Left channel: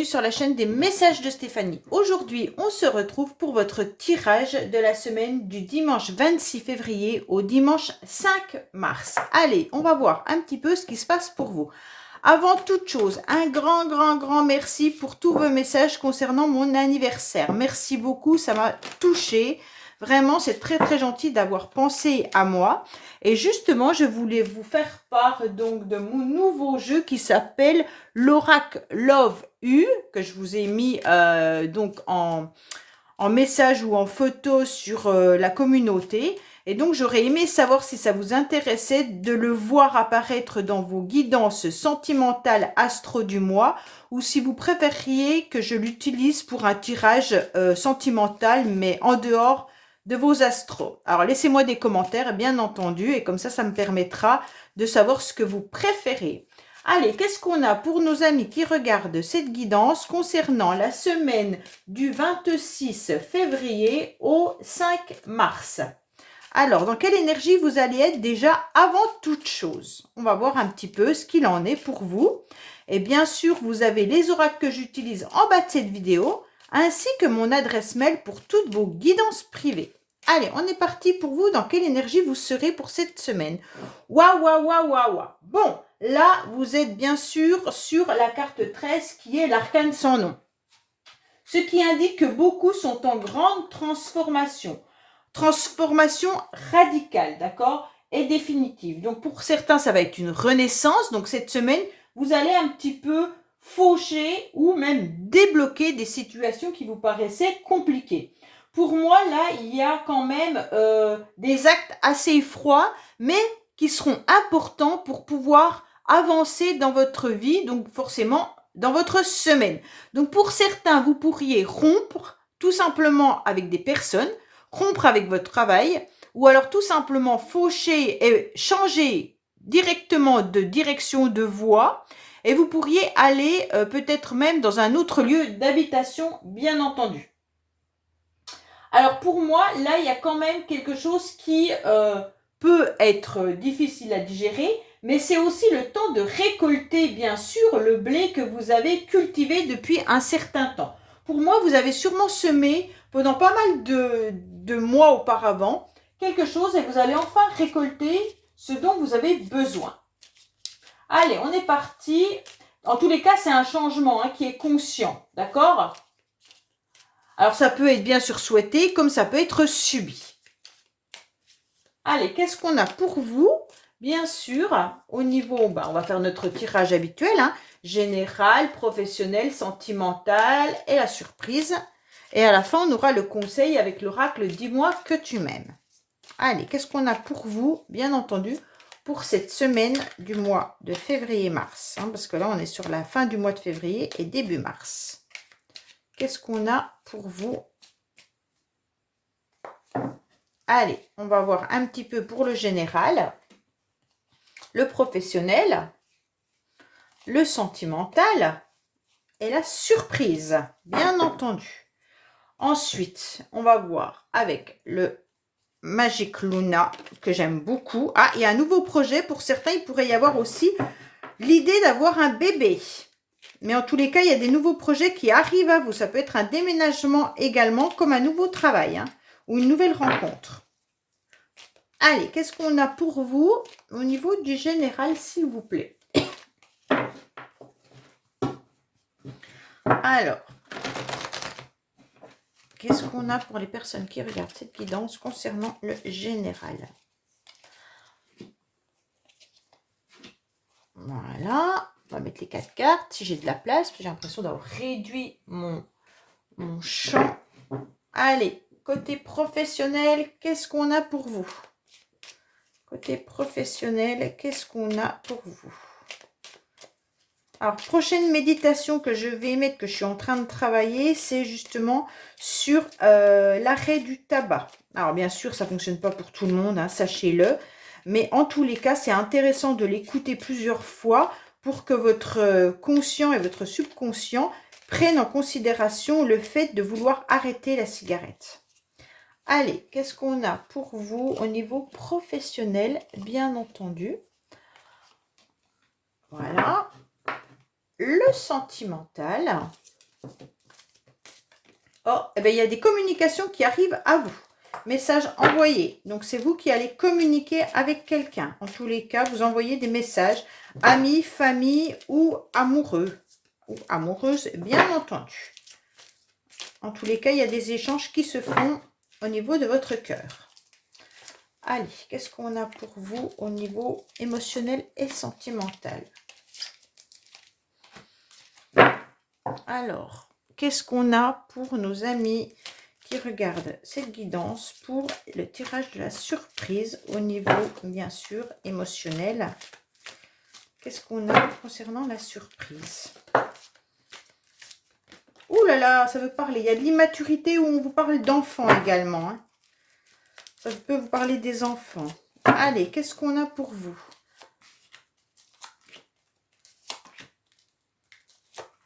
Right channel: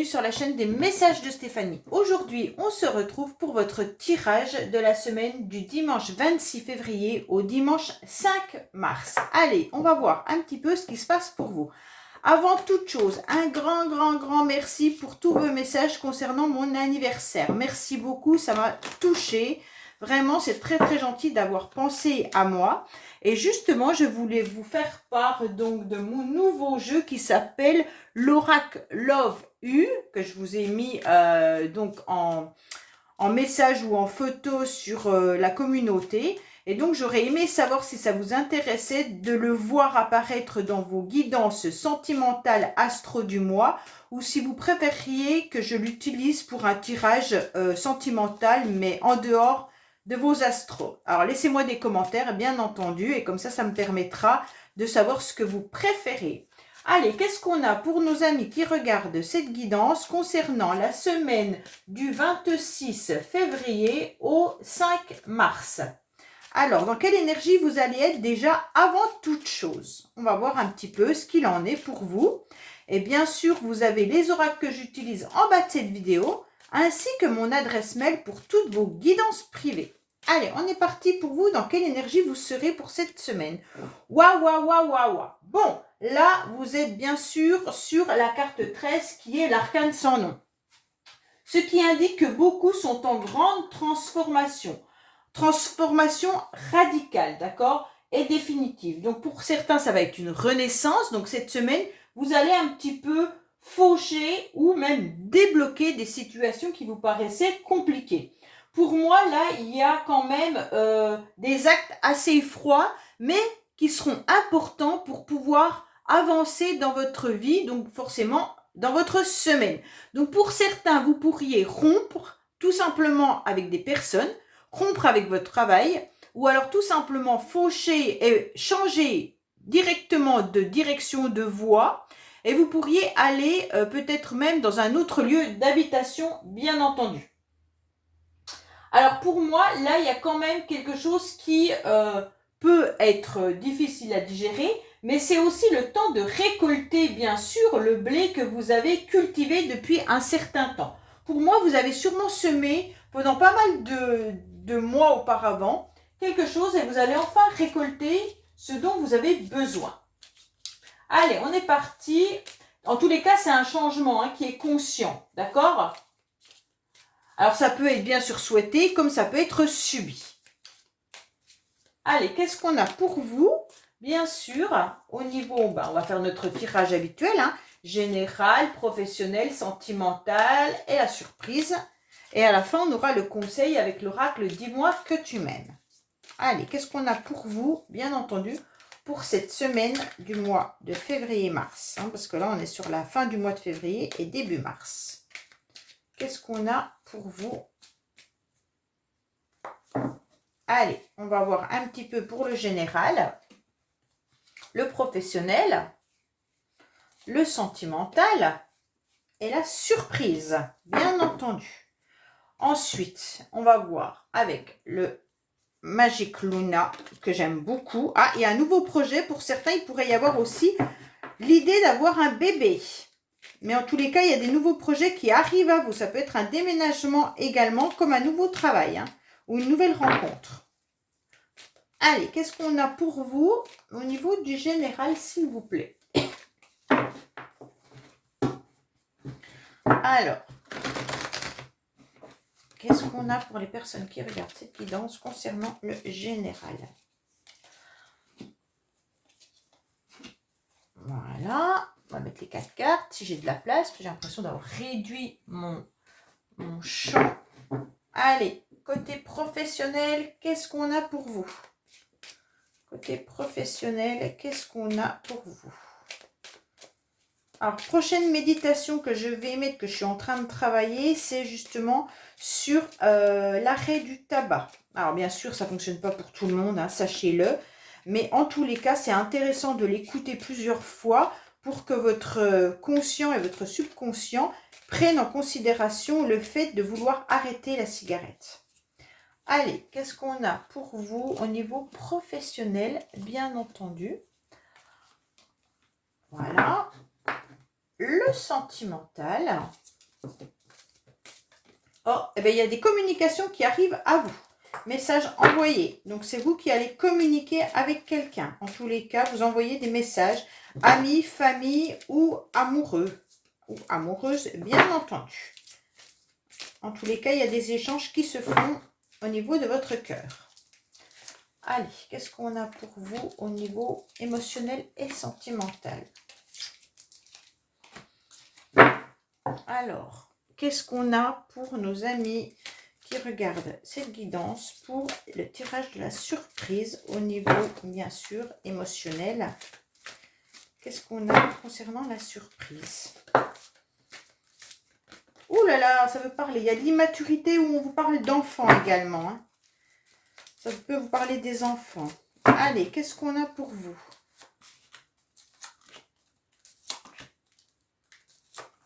bienvenue sur la chaîne des messages de Stéphanie. Aujourd'hui, on se retrouve pour votre tirage de la semaine du dimanche 26 février au dimanche 5 mars. Allez, on va voir un petit peu ce qui se passe pour vous. Avant toute chose, un grand merci pour tous vos messages concernant mon anniversaire. Merci beaucoup, ça m'a touchée. Vraiment, c'est très gentil d'avoir pensé à moi. Et justement, je voulais vous faire part donc de mon nouveau jeu qui s'appelle l'Oracle Love U, que je vous ai mis donc en message ou en photo sur la communauté. Et donc, j'aurais aimé savoir si ça vous intéressait de le voir apparaître dans vos guidances sentimentales astro du mois ou si vous préfériez que je l'utilise pour un tirage sentimental, mais en dehors de vos astros. Alors, laissez-moi des commentaires, bien entendu, et comme ça me permettra de savoir ce que vous préférez. Allez, qu'est-ce qu'on a pour nos amis qui regardent cette guidance concernant la semaine du 26 février au 5 mars? Alors, dans quelle énergie vous allez être déjà avant toute chose? On va voir un petit peu ce qu'il en est pour vous. Et bien sûr, vous avez les oracles que j'utilise en bas de cette vidéo, ainsi que mon adresse mail pour toutes vos guidances privées. Allez, on est parti pour vous. Dans quelle énergie vous serez pour cette semaine? Waouh. Bon, là, vous êtes bien sûr sur la carte 13 qui est l'arcane sans nom. Ce qui indique que beaucoup sont en grande transformation. Transformation radicale, d'accord? Et définitive. Donc, pour certains, ça va être une renaissance. Donc, cette semaine, vous allez un petit peu faucher ou même débloquer des situations qui vous paraissaient compliquées. Pour moi, là, il y a quand même des actes assez froids, mais qui seront importants pour pouvoir avancer dans votre vie, donc forcément dans votre semaine. Donc pour certains, vous pourriez rompre tout simplement avec des personnes, rompre avec votre travail, ou alors tout simplement faucher et changer directement de direction de voie, et vous pourriez aller peut-être même dans un autre lieu d'habitation, bien entendu. Alors pour moi, là, il y a quand même quelque chose qui peut être difficile à digérer, mais c'est aussi le temps de récolter, bien sûr, le blé que vous avez cultivé depuis un certain temps. Pour moi, vous avez sûrement semé pendant pas mal de mois auparavant quelque chose et vous allez enfin récolter ce dont vous avez besoin. Allez, on est parti. En tous les cas, c'est un changement qui est conscient, d'accord ? Alors, ça peut être bien sûr souhaité, comme ça peut être subi. Allez, qu'est-ce qu'on a pour vous? Bien sûr, au niveau, on va faire notre tirage habituel, général, professionnel, sentimental et la surprise. Et à la fin, on aura le conseil avec l'oracle « Dis-moi que tu m'aimes ». Allez, qu'est-ce qu'on a pour vous, bien entendu, pour cette semaine du mois de février-mars, parce que là, on est sur la fin du mois de février et début mars. Qu'est-ce qu'on a pour vous? Allez, on va voir un petit peu pour le général, le professionnel, le sentimental et la surprise, bien entendu. Ensuite, on va voir avec le Magic Luna, que j'aime beaucoup. Ah, il y a un nouveau projet. Pour certains, il pourrait y avoir aussi l'idée d'avoir un bébé. Mais en tous les cas, il y a des nouveaux projets qui arrivent à vous. Ça peut être un déménagement également, comme un nouveau travail ou une nouvelle rencontre. Allez, qu'est-ce qu'on a pour vous au niveau du général, s'il vous plaît? Alors, qu'est-ce qu'on a pour les personnes qui regardent cette guidance concernant le général? Voilà. On va mettre les 4 cartes, si j'ai de la place. J'ai l'impression d'avoir réduit mon champ. Allez, côté professionnel, qu'est-ce qu'on a pour vous? Côté professionnel, qu'est-ce qu'on a pour vous? Alors, prochaine méditation que je vais mettre, que je suis en train de travailler, c'est justement sur l'arrêt du tabac. Alors, bien sûr, ça ne fonctionne pas pour tout le monde, sachez-le. Mais en tous les cas, c'est intéressant de l'écouter plusieurs fois pour que votre conscient et votre subconscient prennent en considération le fait de vouloir arrêter la cigarette. Allez, qu'est-ce qu'on a pour vous au niveau professionnel, bien entendu? Voilà. Le sentimental. Oh, eh bien, il y a des communications qui arrivent à vous. Message envoyé. Donc, c'est vous qui allez communiquer avec quelqu'un. En tous les cas, vous envoyez des messages. Amis, famille ou amoureux. Ou amoureuse, bien entendu. En tous les cas, il y a des échanges qui se font au niveau de votre cœur. Allez, qu'est-ce qu'on a pour vous au niveau émotionnel et sentimental? Alors, qu'est-ce qu'on a pour nos amis qui regardent cette guidance pour le tirage de la surprise au niveau, bien sûr, émotionnel? Qu'est-ce qu'on a concernant la surprise? Ouh là là, ça veut parler. Il y a de l'immaturité où on vous parle d'enfants également. Hein. Ça peut vous parler des enfants. Allez, qu'est-ce qu'on a pour vous?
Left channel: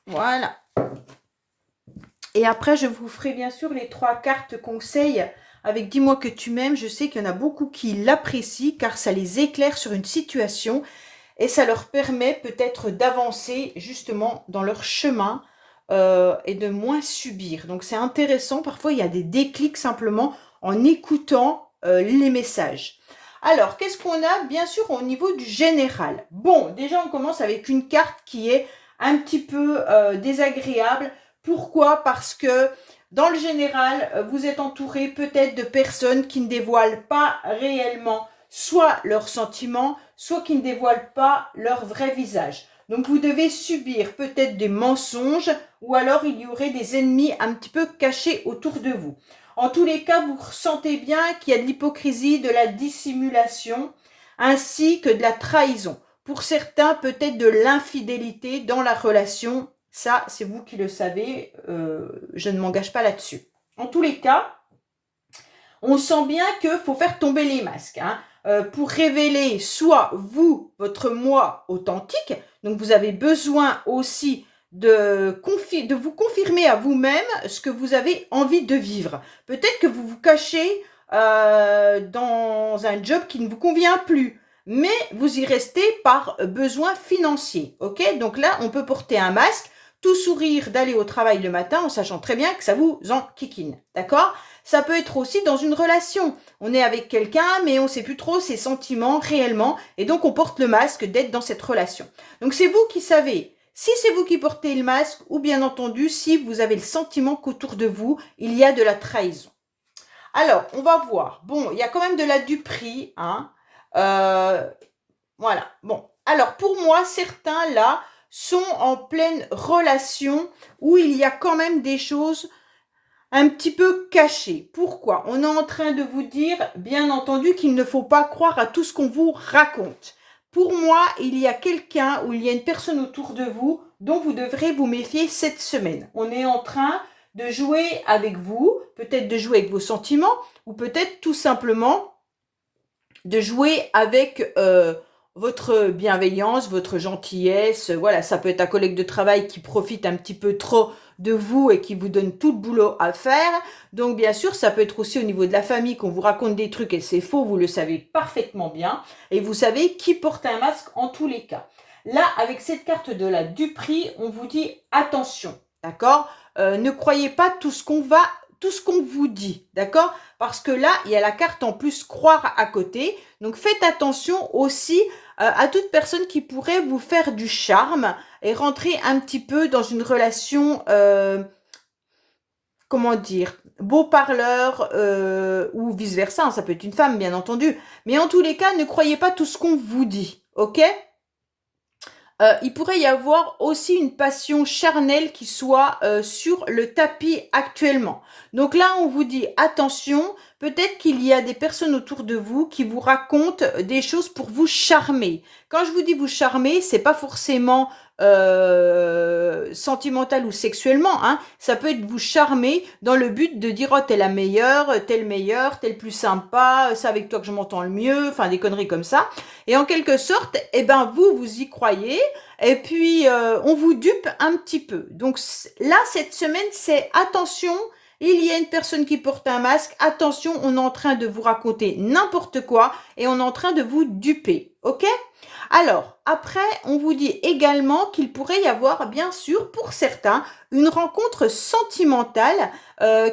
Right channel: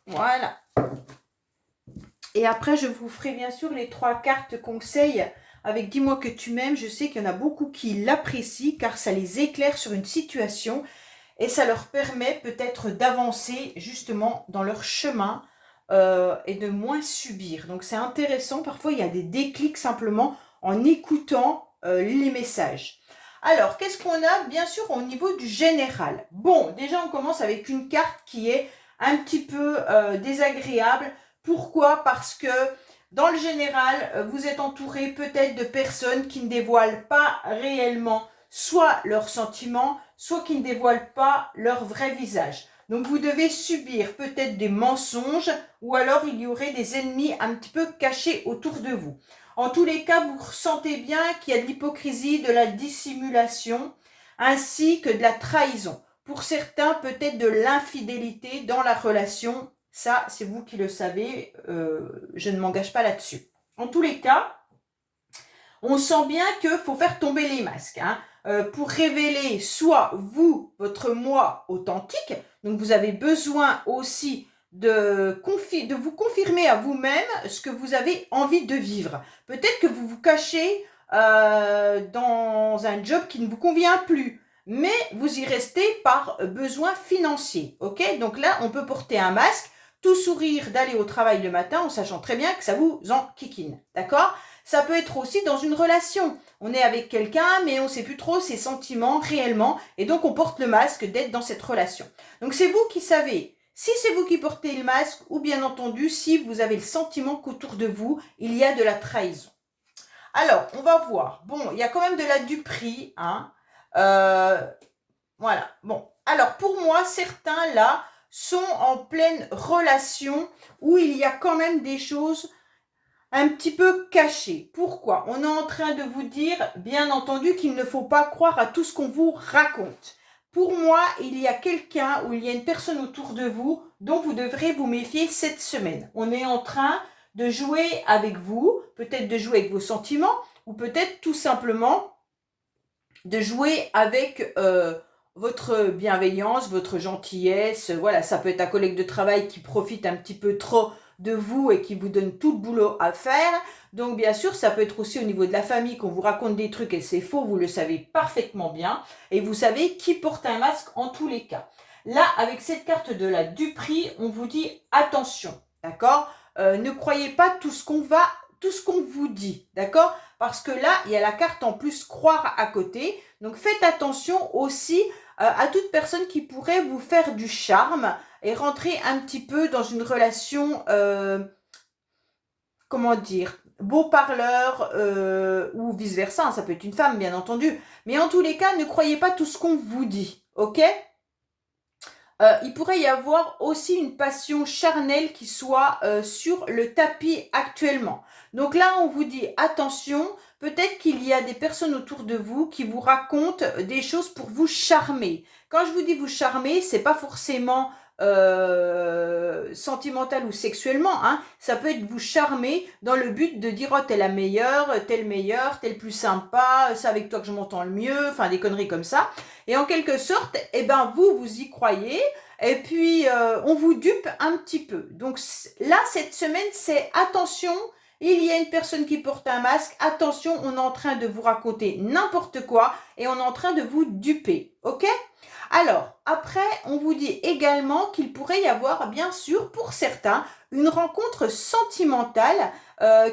Voilà. Et après, je vous ferai bien sûr les 3 cartes conseils avec Dis-moi que tu m'aimes. Je sais qu'il y en a beaucoup qui l'apprécient car ça les éclaire sur une situation et ça leur permet peut-être d'avancer justement dans leur chemin et de moins subir. Donc, c'est intéressant. Parfois, il y a des déclics simplement en écoutant les messages. Alors, qu'est-ce qu'on a? Bien sûr, au niveau du général. Bon, déjà, on commence avec une carte qui est un petit peu désagréable. Pourquoi? Parce que dans le général, vous êtes entouré peut-être de personnes qui ne dévoilent pas réellement soit leurs sentiments, soit qui ne dévoilent pas leur vrai visage. Donc, vous devez subir peut-être des mensonges ou alors il y aurait des ennemis un petit peu cachés autour de vous. En tous les cas, vous ressentez bien qu'il y a de l'hypocrisie, de la dissimulation, ainsi que de la trahison. Pour certains, peut-être de l'infidélité dans la relation. Ça, c'est vous qui le savez. Je ne m'engage pas là-dessus. En tous les cas, on sent bien qu'il faut faire tomber les masques. Hein, pour révéler soit vous, votre moi authentique. Donc, vous avez besoin aussi de vous confirmer à vous-même ce que vous avez envie de vivre. Peut-être que vous vous cachez dans un job qui ne vous convient plus, mais vous y restez par besoin financier. Ok? Donc là, on peut porter un masque, tout sourire d'aller au travail le matin en sachant très bien que ça vous enquiquine. D'accord? Ça peut être aussi dans une relation. On est avec quelqu'un, mais on ne sait plus trop ses sentiments réellement, et donc on porte le masque d'être dans cette relation. Donc c'est vous qui savez si c'est vous qui portez le masque ou bien entendu si vous avez le sentiment qu'autour de vous, il y a de la trahison. Alors, on va voir. Bon, il y a quand même de la duperie. Hein. Voilà. Bon, alors pour moi, certains là sont en pleine relation où il y a quand même des choses un petit peu cachées. Pourquoi? On est en train de vous dire, bien entendu, qu'il ne faut pas croire à tout ce qu'on vous raconte. Pour moi, il y a quelqu'un ou il y a une personne autour de vous dont vous devrez vous méfier cette semaine. On est en train de jouer avec vous, peut-être de jouer avec vos sentiments ou peut-être tout simplement de jouer avec votre bienveillance, votre gentillesse. Voilà, ça peut être un collègue de travail qui profite un petit peu trop de vous et qui vous donne tout le boulot à faire. Donc, bien sûr, ça peut être aussi au niveau de la famille qu'on vous raconte des trucs et c'est faux, vous le savez parfaitement bien. Et vous savez qui porte un masque en tous les cas. Là, avec cette carte de la duperie, on vous dit attention, d'accord? Ne croyez pas tout ce qu'on vous dit, d'accord? Parce que là, il y a la carte en plus croire à côté. Donc, faites attention aussi à toute personne qui pourrait vous faire du charme et rentrer un petit peu dans une relation, comment dire, beau parleur ou vice-versa. Hein, ça peut être une femme, bien entendu. Mais en tous les cas, ne croyez pas tout ce qu'on vous dit, ok? Il pourrait y avoir aussi une passion charnelle qui soit sur le tapis actuellement. Donc là, on vous dit attention, peut-être qu'il y a des personnes autour de vous qui vous racontent des choses pour vous charmer. Quand je vous dis vous charmer, c'est pas forcément sentimental ou sexuellement. Hein. Ça peut être vous charmer dans le but de dire oh t'es la meilleure, t'es le meilleur, t'es le plus sympa, c'est avec toi que je m'entends le mieux, enfin des conneries comme ça. Et en quelque sorte, eh ben vous y croyez. Et puis, on vous dupe un petit peu. Donc là, cette semaine, c'est attention, il y a une personne qui porte un masque, attention, on est en train de vous raconter n'importe quoi et on est en train de vous duper, ok? Alors, après, on vous dit également qu'il pourrait y avoir, bien sûr, pour certains, une rencontre sentimentale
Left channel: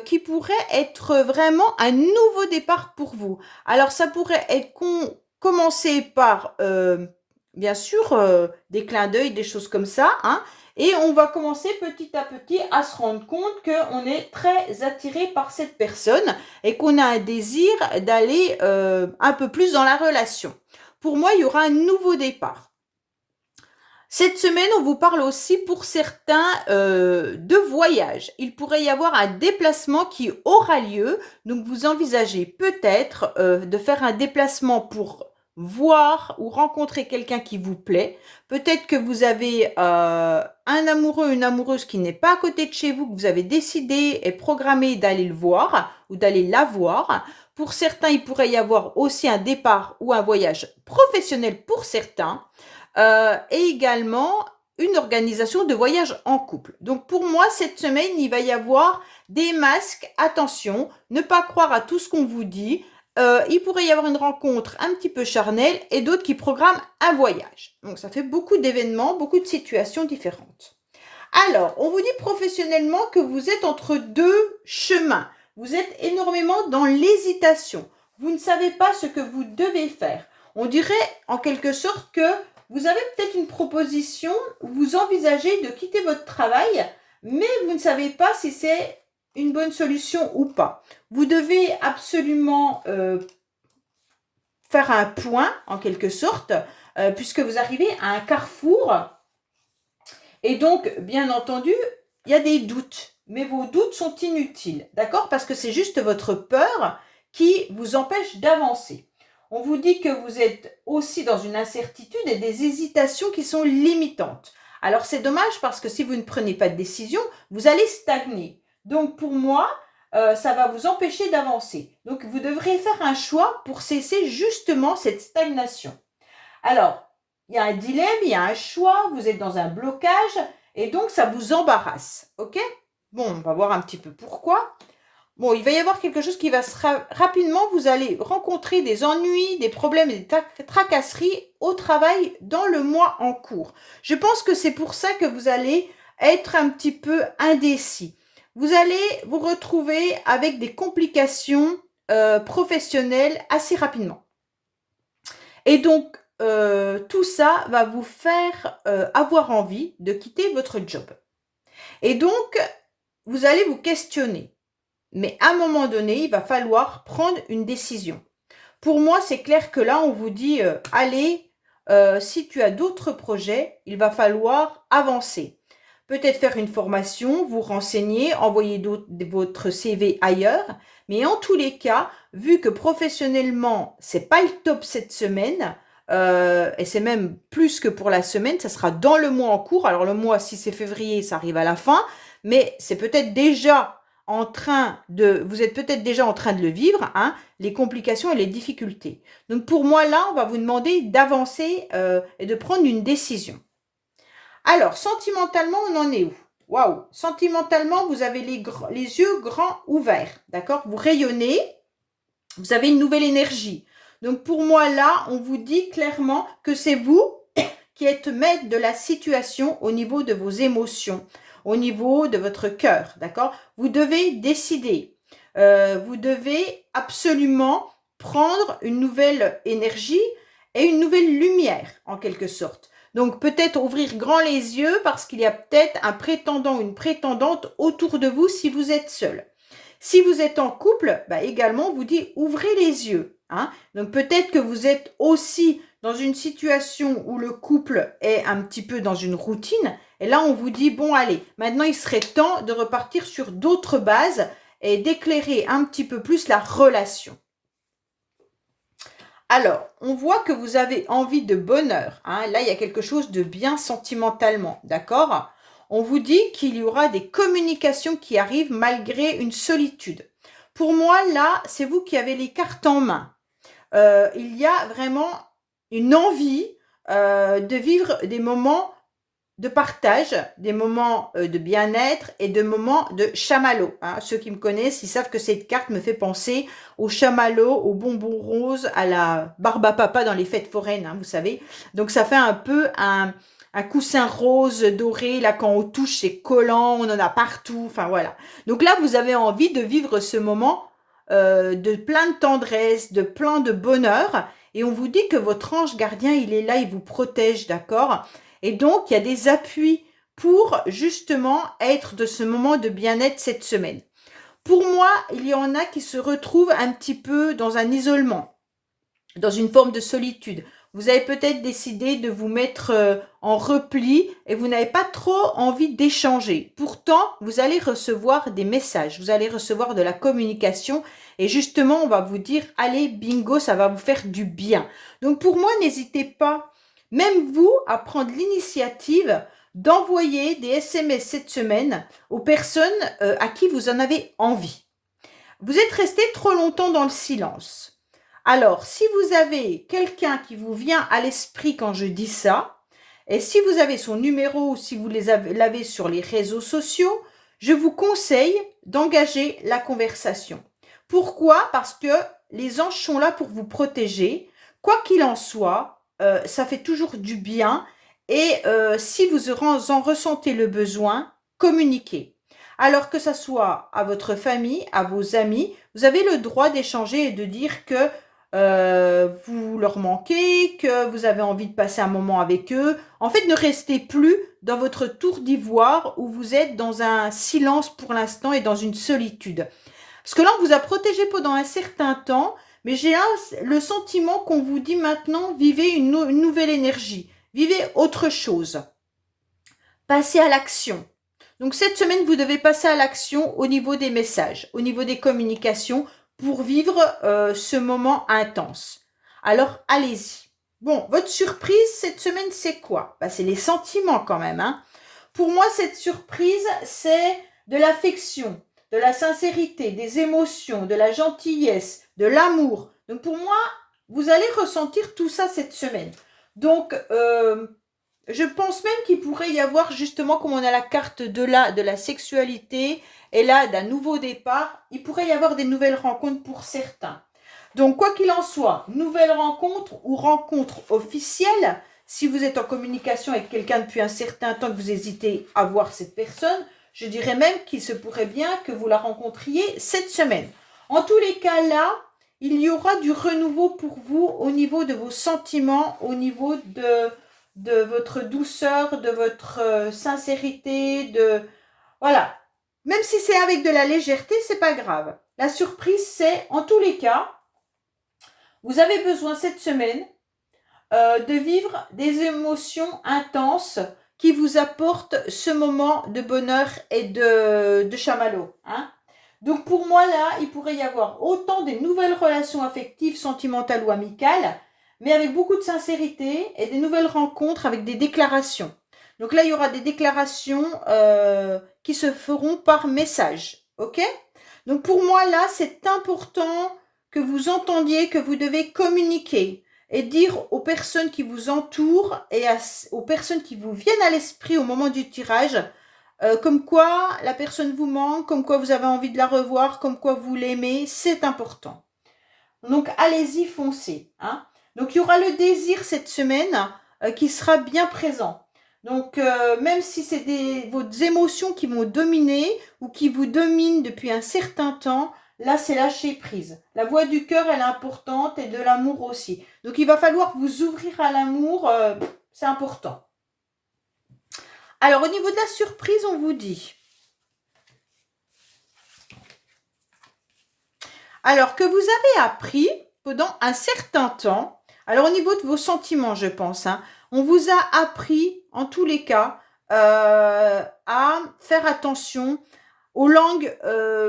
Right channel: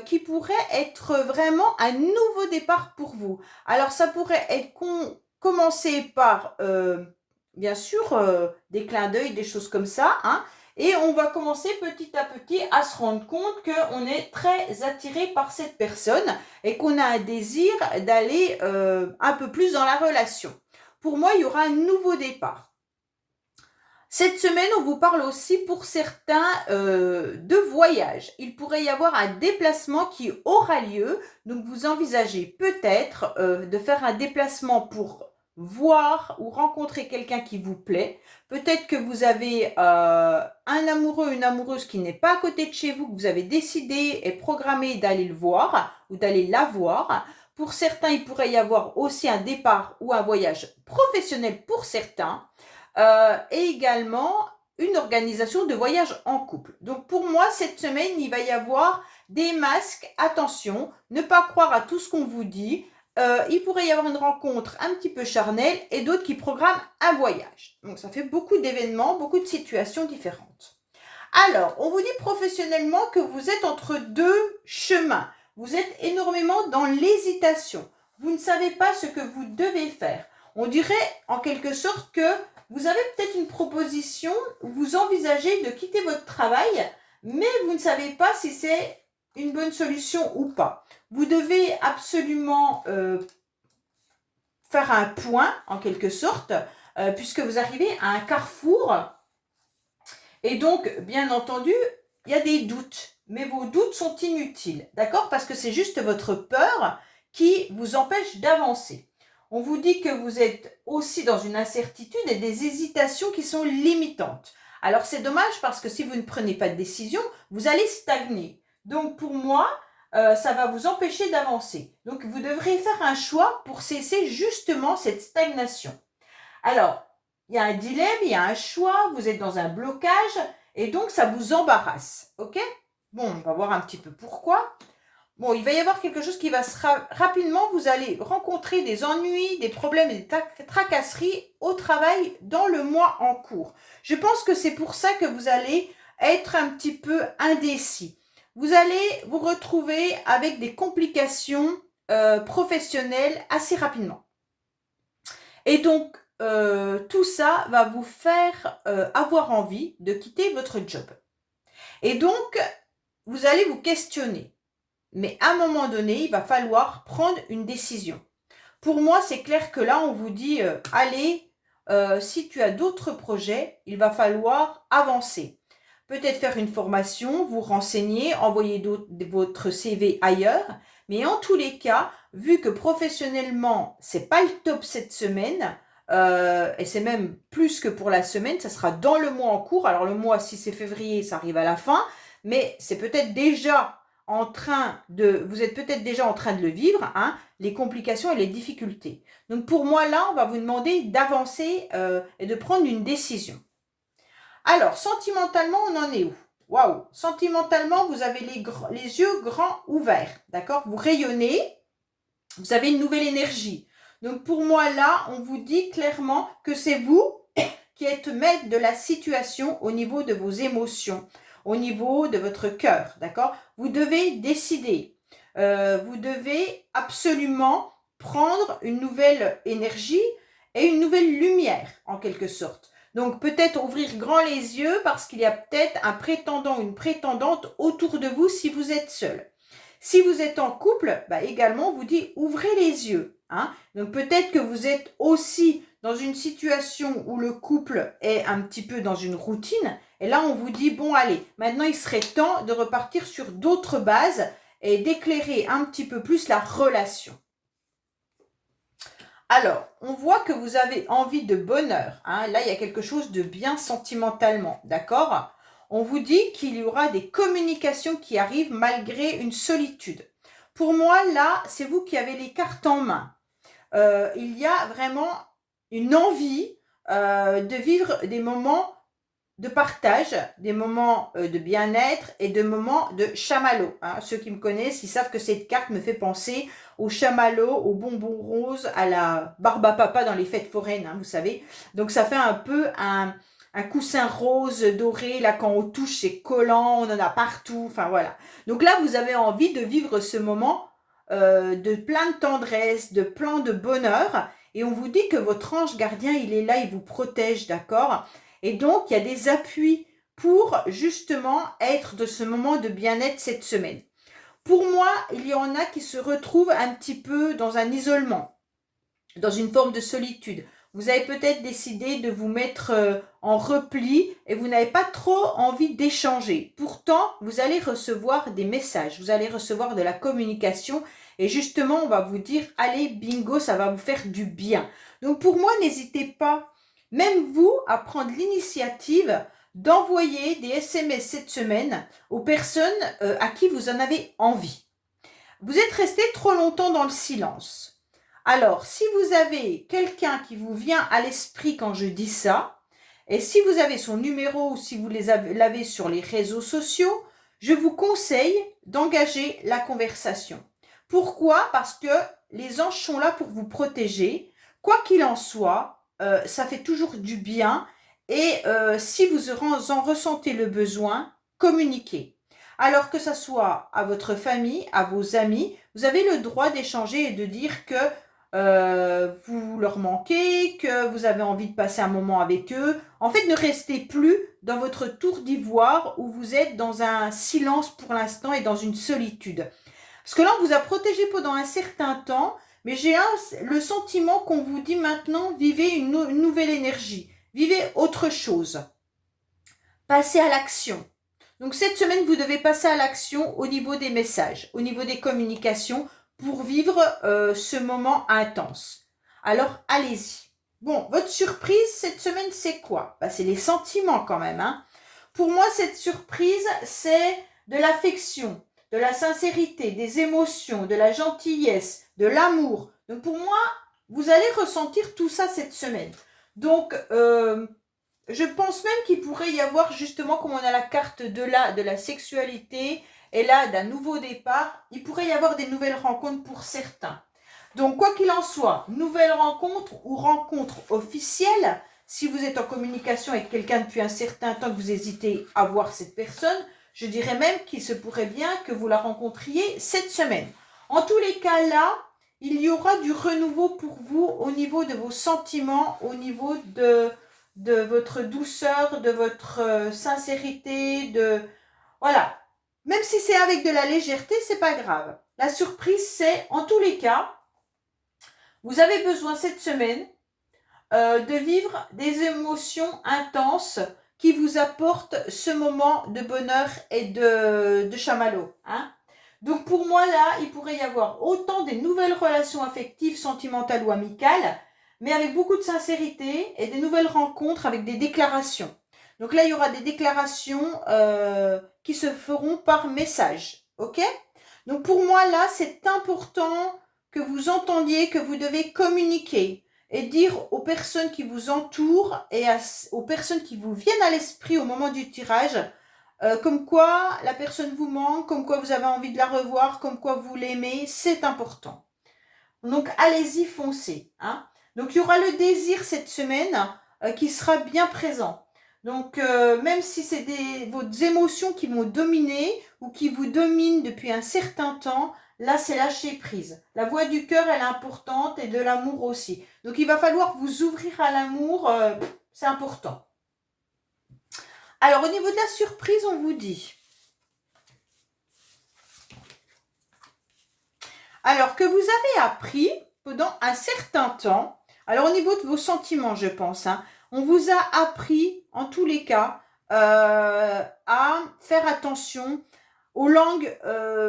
qui pourrait être vraiment un nouveau départ pour vous. Alors, ça pourrait être commencé par, bien sûr, des clins d'œil, des choses comme ça, hein, et on va commencer petit à petit à se rendre compte qu'on est très attiré par cette personne et qu'on a un désir d'aller un peu plus dans la relation. Pour moi, il y aura un nouveau départ. Cette semaine, on vous parle aussi pour certains de voyage. Il pourrait y avoir un déplacement qui aura lieu. Donc, vous envisagez peut-être de faire un déplacement pour voir ou rencontrer quelqu'un qui vous plaît. Peut-être que vous avez un amoureux, une amoureuse qui n'est pas à côté de chez vous, que vous avez décidé et programmé d'aller le voir ou d'aller la voir. Pour certains, il pourrait y avoir aussi un départ ou un voyage professionnel pour certains. Et également une organisation de voyage en couple. Donc pour moi, cette semaine, il va y avoir des masques. Attention, ne pas croire à tout ce qu'on vous dit. Il pourrait y avoir une rencontre un petit peu charnelle et d'autres qui programment un voyage. Donc ça fait beaucoup d'événements, beaucoup de situations différentes. Alors, on vous dit professionnellement que vous êtes entre deux chemins. Vous êtes énormément dans l'hésitation. Vous ne savez pas ce que vous devez faire. On dirait en quelque sorte que vous avez peut-être une proposition, vous envisagez de quitter votre travail, mais vous ne savez pas si c'est une bonne solution ou pas. Vous devez absolument faire un point, en quelque sorte, puisque vous arrivez à un carrefour. Et donc, bien entendu, il y a des doutes, mais vos doutes sont inutiles, d'accord? Parce que c'est juste votre peur qui vous empêche d'avancer. On vous dit que vous êtes aussi dans une incertitude et des hésitations qui sont limitantes. Alors c'est dommage parce que si vous ne prenez pas de décision, vous allez stagner. Donc pour moi, ça va vous empêcher d'avancer. Donc vous devrez faire un choix pour cesser justement cette stagnation. Alors, il y a un dilemme, il y a un choix, vous êtes dans un blocage et donc ça vous embarrasse. Ok? Bon, on va voir un petit peu pourquoi. Bon, il va y avoir quelque chose qui va rapidement, vous allez rencontrer des ennuis, des problèmes, des tracasseries au travail dans le mois en cours. Je pense que c'est pour ça que vous allez être un petit peu indécis. Vous allez vous retrouver avec des complications professionnelles assez rapidement. Et donc, tout ça va vous faire avoir envie de quitter votre job. Et donc, vous allez vous questionner. Mais à un moment donné, il va falloir prendre une décision. Pour moi, c'est clair que là, on vous dit, allez, si tu as d'autres projets, il va falloir avancer. Peut-être faire une formation, vous renseigner, envoyer votre CV ailleurs. Mais en tous les cas, vu que professionnellement, c'est pas le top cette semaine, et c'est même plus que pour la semaine, ça sera dans le mois en cours. Alors le mois, si c'est février, ça arrive à la fin, mais c'est peut-être déjà vous êtes peut-être déjà en train de le vivre, hein, les complications et les difficultés. Donc pour moi, là, on va vous demander d'avancer et de prendre une décision. Alors, sentimentalement, on en est où? Waouh! Sentimentalement, vous avez les yeux grands ouverts, d'accord? Vous rayonnez, vous avez une nouvelle énergie. Donc pour moi, là, on vous dit clairement que c'est vous qui êtes maître de la situation au niveau de vos émotions, au niveau de votre cœur, d'accord? Vous devez décider. Vous devez absolument prendre une nouvelle énergie et une nouvelle lumière, en quelque sorte. Donc peut-être ouvrir grand les yeux parce qu'il y a peut-être un prétendant ou une prétendante autour de vous si vous êtes seul. Si vous êtes en couple, bah également, on vous dit ouvrez les yeux. Hein? Donc peut-être que vous êtes aussi dans une situation où le couple est un petit peu dans une routine. Et là, on vous dit, bon, allez, maintenant, il serait temps de repartir sur d'autres bases et d'éclairer un petit peu plus la relation. Alors, on voit que vous avez envie de bonheur. Hein? Là, il y a quelque chose de bien sentimentalement, d'accord? On vous dit qu'il y aura des communications qui arrivent malgré une solitude. Pour moi, là, c'est vous qui avez les cartes en main. Il y a vraiment une envie de vivre des moments de partage, des moments de bien-être et de moments de chamallow. Hein. Ceux qui me connaissent, ils savent que cette carte me fait penser au chamallow, au bonbon rose, à la barbe à papa dans les fêtes foraines, hein, vous savez. Donc ça fait un peu un coussin rose doré, là quand on touche c'est collant, on en a partout, enfin voilà. Donc là vous avez envie de vivre ce moment de plein de tendresse, de plein de bonheur, et on vous dit que votre ange gardien il est là, il vous protège, d'accord? Et donc il y a des appuis pour justement être de ce moment de bien-être cette semaine. Pour moi, il y en a qui se retrouvent un petit peu dans un isolement, dans une forme de solitude. Vous avez peut-être décidé de vous mettre en repli et vous n'avez pas trop envie d'échanger. Pourtant, vous allez recevoir des messages, vous allez recevoir de la communication et justement, on va vous dire, allez, bingo, ça va vous faire du bien. Donc pour moi, n'hésitez pas, même vous, à prendre l'initiative d'envoyer des SMS cette semaine aux personnes à qui vous en avez envie. Vous êtes resté trop longtemps dans le silence. Alors, si vous avez quelqu'un qui vous vient à l'esprit quand je dis ça, et si vous avez son numéro ou si vous l'avez sur les réseaux sociaux, je vous conseille d'engager la conversation. Pourquoi? Parce que les anges sont là pour vous protéger. Quoi qu'il en soit, ça fait toujours du bien. Et si vous en ressentez le besoin, communiquez. Alors que ça soit à votre famille, à vos amis, vous avez le droit d'échanger et de dire que vous leur manquez, que vous avez envie de passer un moment avec eux. En fait, ne restez plus dans votre tour d'ivoire où vous êtes dans un silence pour l'instant et dans une solitude. Parce que là, on vous a protégé pendant un certain temps, mais j'ai le sentiment qu'on vous dit maintenant, vivez une nouvelle énergie, vivez autre chose. Passez à l'action. Donc cette semaine, vous devez passer à l'action au niveau des messages, au niveau des communications pour vivre ce moment intense. Alors allez-y. Bon, votre surprise cette semaine, c'est quoi? C'est les sentiments quand même. Hein. Pour moi, cette surprise, c'est de l'affection, de la sincérité, des émotions, de la gentillesse, de l'amour. Donc pour moi, vous allez ressentir tout ça cette semaine. Donc, je pense même qu'il pourrait y avoir justement, comme on a la carte de la sexualité et là d'un nouveau départ, il pourrait y avoir des nouvelles rencontres pour certains. Donc quoi qu'il en soit, nouvelle rencontre ou rencontre officielle, si vous êtes en communication avec quelqu'un depuis un certain temps que vous hésitez à voir cette personne, je dirais même qu'il se pourrait bien que vous la rencontriez cette semaine. En tous les cas là, il y aura du renouveau pour vous au niveau de vos sentiments, au niveau de votre douceur, de votre sincérité, voilà. Même si c'est avec de la légèreté, c'est pas grave. La surprise, c'est, en tous les cas, vous avez besoin cette semaine de vivre des émotions intenses qui vous apportent ce moment de bonheur et de chamallow. Hein. Donc pour moi, là, il pourrait y avoir autant des nouvelles relations affectives, sentimentales ou amicales, mais avec beaucoup de sincérité et des nouvelles rencontres avec des déclarations. Donc là, il y aura des déclarations qui se feront par message. OK? Donc pour moi, là, c'est important que vous entendiez que vous devez communiquer et dire aux personnes qui vous entourent et aux personnes qui vous viennent à l'esprit au moment du tirage, comme quoi la personne vous manque, comme quoi vous avez envie de la revoir, comme quoi vous l'aimez, c'est important. Donc allez-y, foncez. Hein. Donc il y aura le désir cette semaine qui sera bien présent. Donc même si c'est vos émotions qui vont dominer ou qui vous dominent depuis un certain temps, là c'est lâcher prise. La voix du cœur elle est importante et de l'amour aussi. Donc il va falloir vous ouvrir à l'amour, c'est important. Alors au niveau de la surprise, on vous dit... Alors que vous avez appris pendant un certain temps, alors au niveau de vos sentiments, je pense, hein, on vous a appris, en tous les cas, à faire attention aux langues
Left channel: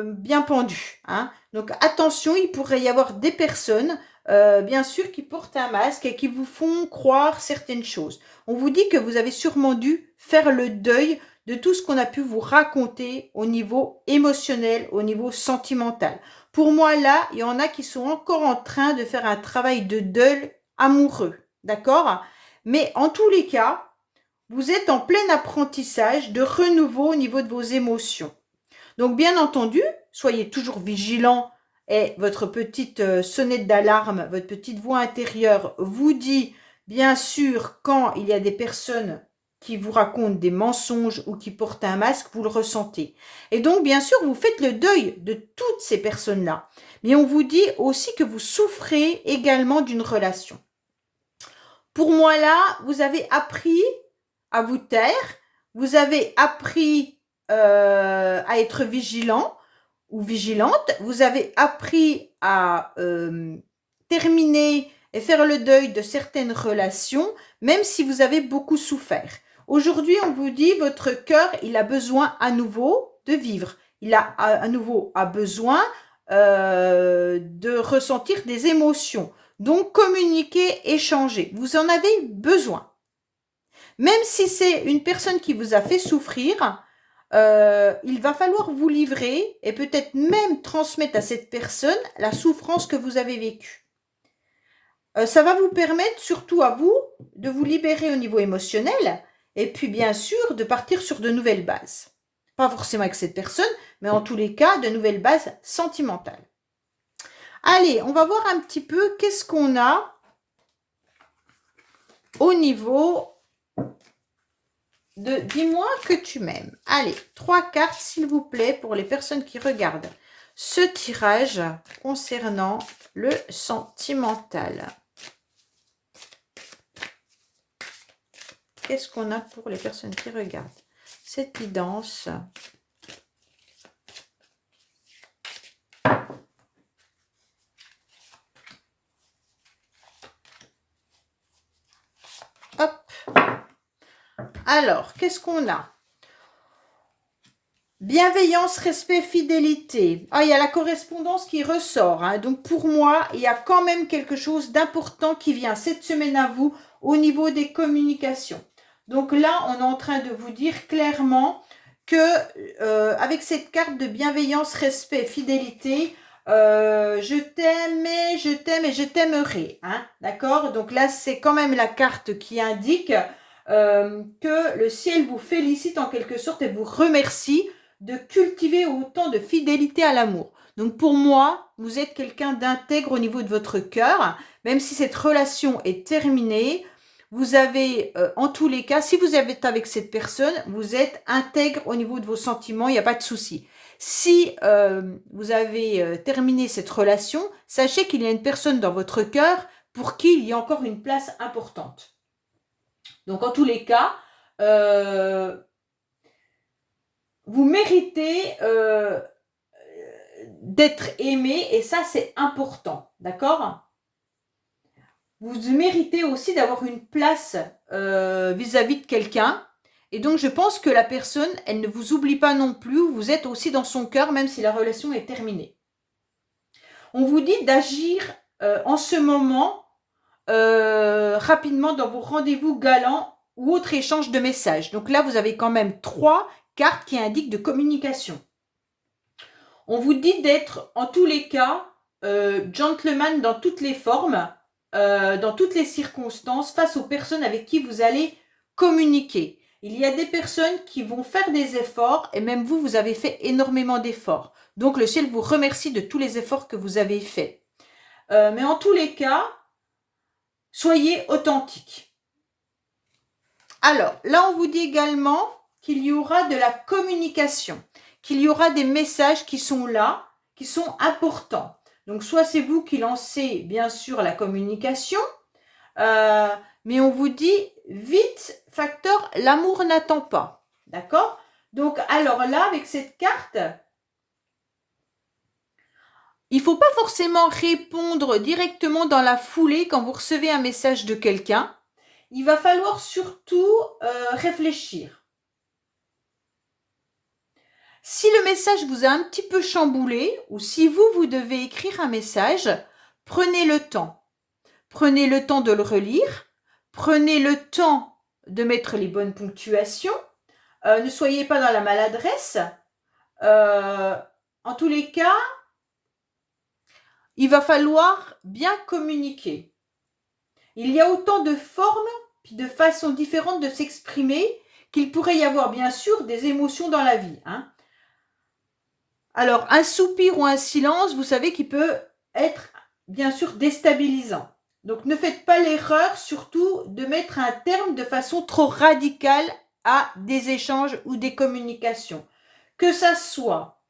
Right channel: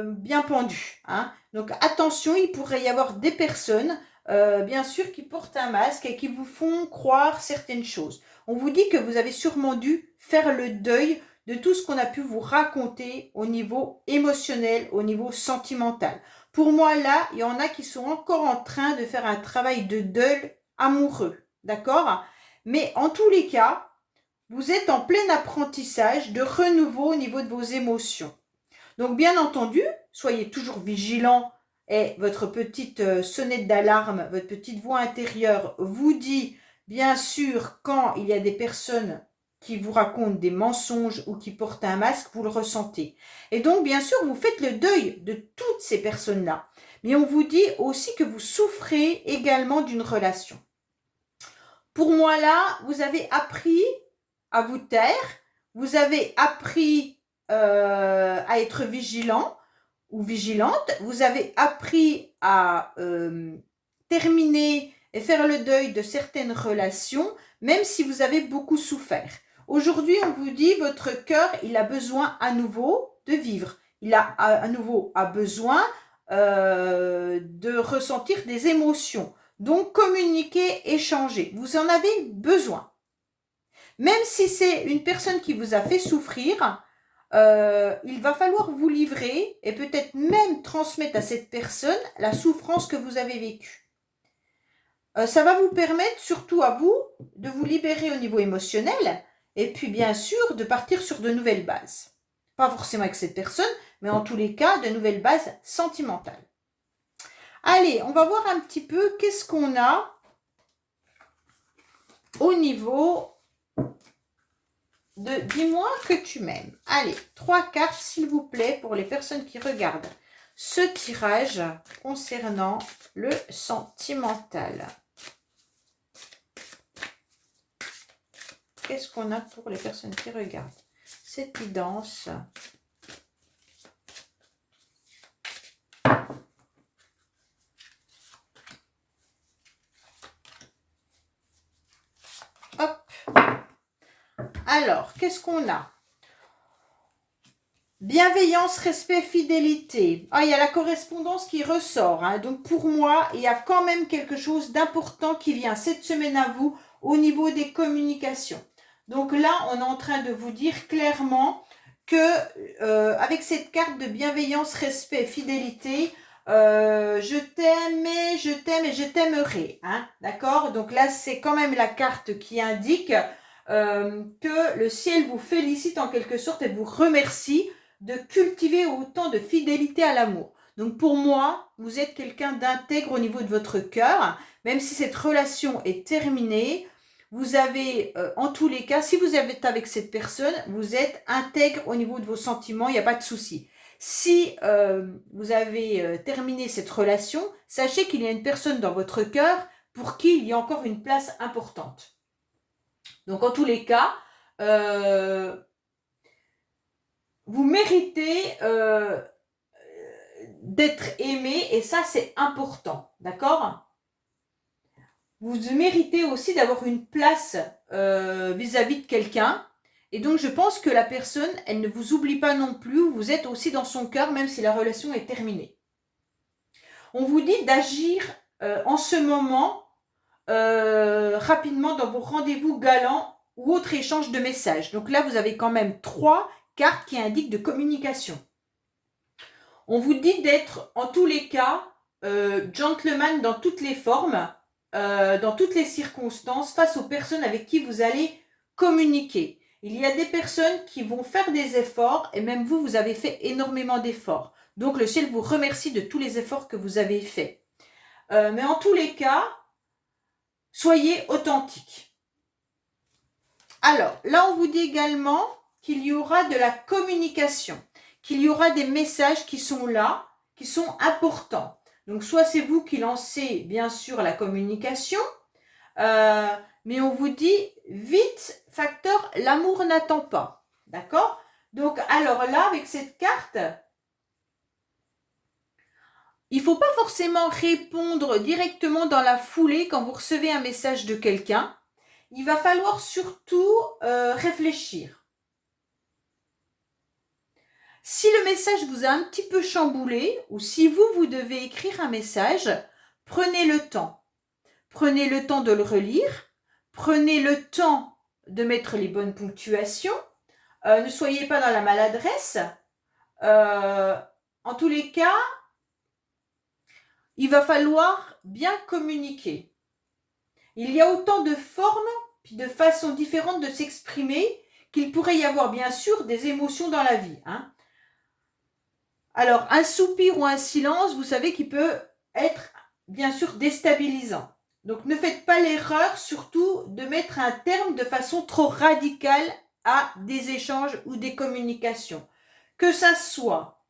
bien pendues. Hein. Donc attention, il pourrait y avoir des personnes, bien sûr, qui portent un masque et qui vous font croire certaines choses. On vous dit que vous avez sûrement dû faire le deuil de tout ce qu'on a pu vous raconter au niveau émotionnel, au niveau sentimental. Pour moi, là, il y en a qui sont encore en train de faire un travail de deuil amoureux, d'accord? Mais en tous les cas, vous êtes en plein apprentissage de renouveau au niveau de vos émotions. Donc, bien entendu, soyez toujours vigilant et votre petite sonnette d'alarme, votre petite voix intérieure vous dit, bien sûr, quand il y a des personnes qui vous racontent des mensonges ou qui portent un masque, vous le ressentez. Et donc, bien sûr, vous faites le deuil de toutes ces personnes-là. Mais on vous dit aussi que vous souffrez également d'une relation. Pour moi, là, vous avez appris à vous taire, vous avez appris à être vigilant ou vigilante, vous avez appris à terminer et faire le deuil de certaines relations, même si vous avez beaucoup souffert. Aujourd'hui, on vous dit, votre cœur, il a besoin à nouveau de vivre. Il a à nouveau besoin de ressentir des émotions. Donc, communiquer, échanger. Vous en avez besoin. Même si c'est une personne qui vous a fait souffrir, il va falloir vous livrer et peut-être même transmettre à cette personne la souffrance que vous avez vécue. Ça va vous permettre, surtout à vous, de vous libérer au niveau émotionnel et puis bien sûr de partir sur de nouvelles bases. Pas forcément avec cette personne, mais en tous les cas, de nouvelles bases sentimentales. Allez, on va voir un petit peu qu'est-ce qu'on a au niveau de « Dis-moi que tu m'aimes ». Allez, 3 cartes, s'il vous plaît, pour les personnes qui regardent ce tirage concernant le sentimental. Qu'est-ce qu'on a pour les personnes qui regardent cette guidance? Hop. Alors, qu'est-ce qu'on a? Bienveillance, respect, fidélité. Ah, il y a la correspondance qui ressort. Hein. Donc, pour moi, il y a quand même quelque chose d'important qui vient cette semaine à vous au niveau des communications. Donc là, on est en train de vous dire clairement que avec cette carte de bienveillance, respect, fidélité, je t'aime et je t'aimerai. Hein, d'accord? Donc là, c'est quand même la carte qui indique que le ciel vous félicite en quelque sorte et vous remercie de cultiver autant de fidélité à l'amour. Donc pour moi, vous êtes quelqu'un d'intègre au niveau de votre cœur, même si cette relation est terminée. Vous avez, en tous les cas, si vous êtes avec cette personne, vous êtes intègre au niveau de vos sentiments, il n'y a pas de souci. Si vous avez terminé cette relation, sachez qu'il y a une personne dans votre cœur pour qui il y a encore une place importante. Donc, en tous les cas, vous méritez d'être aimé et ça, c'est important. D'accord ? Vous méritez aussi d'avoir une place vis-à-vis de quelqu'un. Et donc, je pense que la personne, elle ne vous oublie pas non plus. Vous êtes aussi dans son cœur, même si la relation est terminée. On vous dit d'agir en ce moment rapidement dans vos rendez-vous galants ou autres échanges de messages. Donc là, vous avez quand même 3 cartes qui indiquent de communication. On vous dit d'être en tous les cas gentleman dans toutes les formes, dans toutes les circonstances, face aux personnes avec qui vous allez communiquer. Il y a des personnes qui vont faire des efforts et même vous, vous avez fait énormément d'efforts. Donc le ciel vous remercie de tous les efforts que vous avez faits. Mais en tous les cas, soyez authentique. Alors, là, on vous dit également qu'il y aura de la communication, qu'il y aura des messages qui sont là, qui sont importants. Donc, soit c'est vous qui lancez, bien sûr, la communication, mais on vous dit, vite, facteur, l'amour n'attend pas. D'accord? Donc, alors là, avec cette carte, il ne faut pas forcément répondre directement dans la foulée quand vous recevez un message de quelqu'un. Il va falloir surtout réfléchir. Si le message vous a un petit peu chamboulé ou si vous devez écrire un message, prenez le temps. Prenez le temps de le relire. Prenez le temps de mettre les bonnes ponctuations. Ne soyez pas dans la maladresse. En tous les cas, il va falloir bien communiquer. Il y a autant de formes puis de façons différentes de s'exprimer, qu'il pourrait y avoir bien sûr des émotions dans la vie. Hein. Alors, un soupir ou un silence, vous savez qu'il peut être bien sûr déstabilisant. Donc, ne faites pas l'erreur surtout de mettre un terme de façon trop radicale à des échanges ou des communications. Que ça soit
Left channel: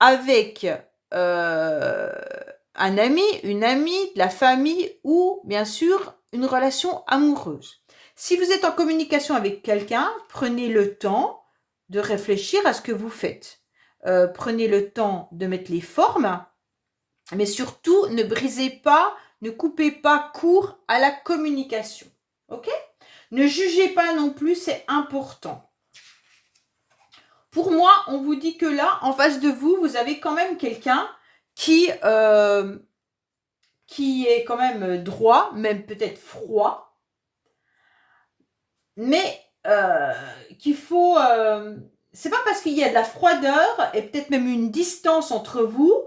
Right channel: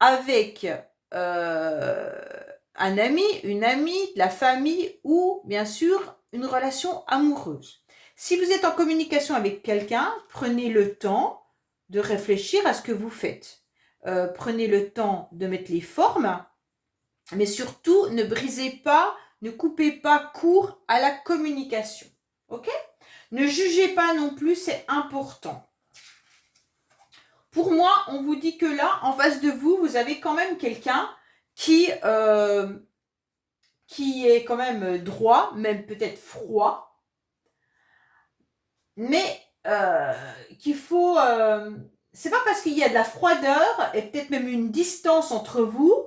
avec un ami, une amie, de la famille ou bien sûr une relation amoureuse. Si vous êtes en communication avec quelqu'un, prenez le temps de réfléchir à ce que vous faites. Prenez le temps de mettre les formes, mais surtout ne brisez pas, ne coupez pas court à la communication. Ok? Ne jugez pas non plus, c'est important. Pour moi, on vous dit que là, en face de vous, vous avez quand même quelqu'un qui est quand même droit, même peut-être froid, mais qu'il faut... c'est pas parce qu'il y a de la froideur et peut-être même une distance entre vous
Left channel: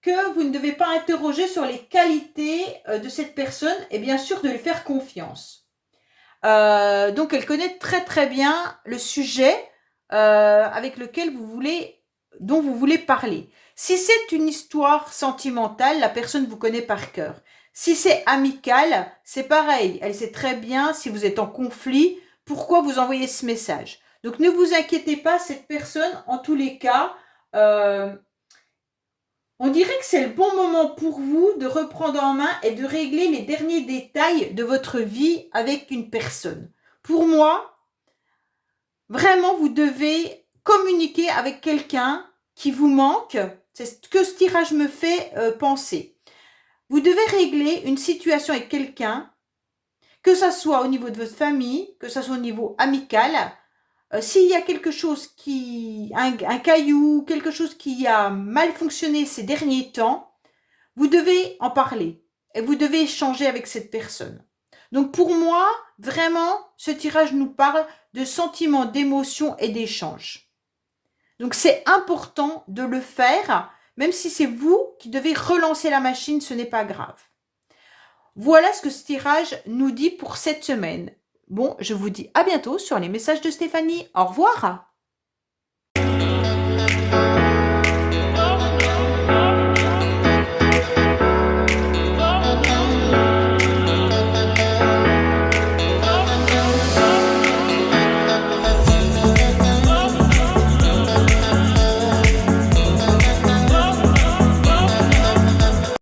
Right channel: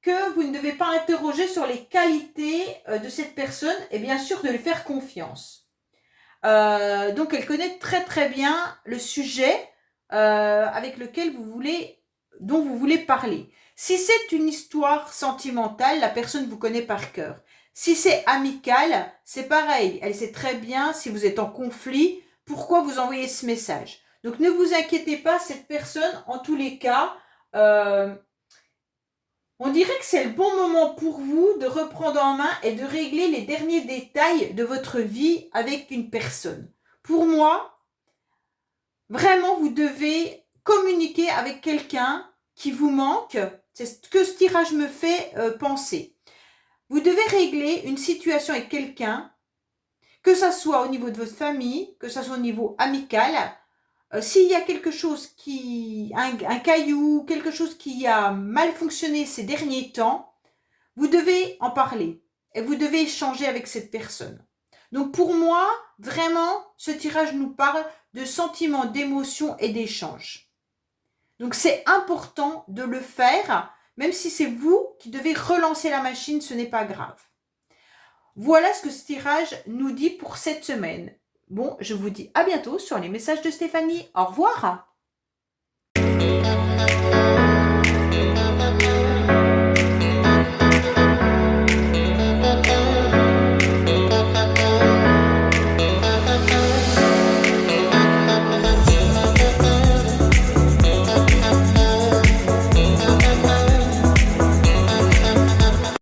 que vous ne devez pas interroger sur les qualités de cette personne et bien sûr de lui faire confiance. Donc elle connaît très très bien le sujet avec lequel dont vous voulez parler. Si c'est une histoire sentimentale, la personne vous connaît par cœur. Si c'est amical, c'est pareil. Elle sait très bien si vous êtes en conflit, pourquoi vous envoyez ce message. Donc ne vous inquiétez pas, cette personne, en tous les cas, on dirait que c'est le bon moment pour vous de reprendre en main et de régler les derniers détails de votre vie avec une personne. Pour moi, vraiment, vous devez communiquer avec quelqu'un qui vous manque. C'est ce que ce tirage me fait penser. Vous devez régler une situation avec quelqu'un, que ce soit au niveau de votre famille, que ce soit au niveau amical. S'il y a quelque chose un caillou, quelque chose qui a mal fonctionné ces derniers temps, vous devez en parler et vous devez échanger avec cette personne. Donc pour moi, vraiment, ce tirage nous parle de sentiments, d'émotions et d'échanges. Donc c'est important de le faire, même si c'est vous qui devez relancer la machine, ce n'est pas grave. Voilà ce que ce tirage nous dit pour cette semaine. Bon, je vous dis à bientôt sur les messages de Stéphanie. Au revoir.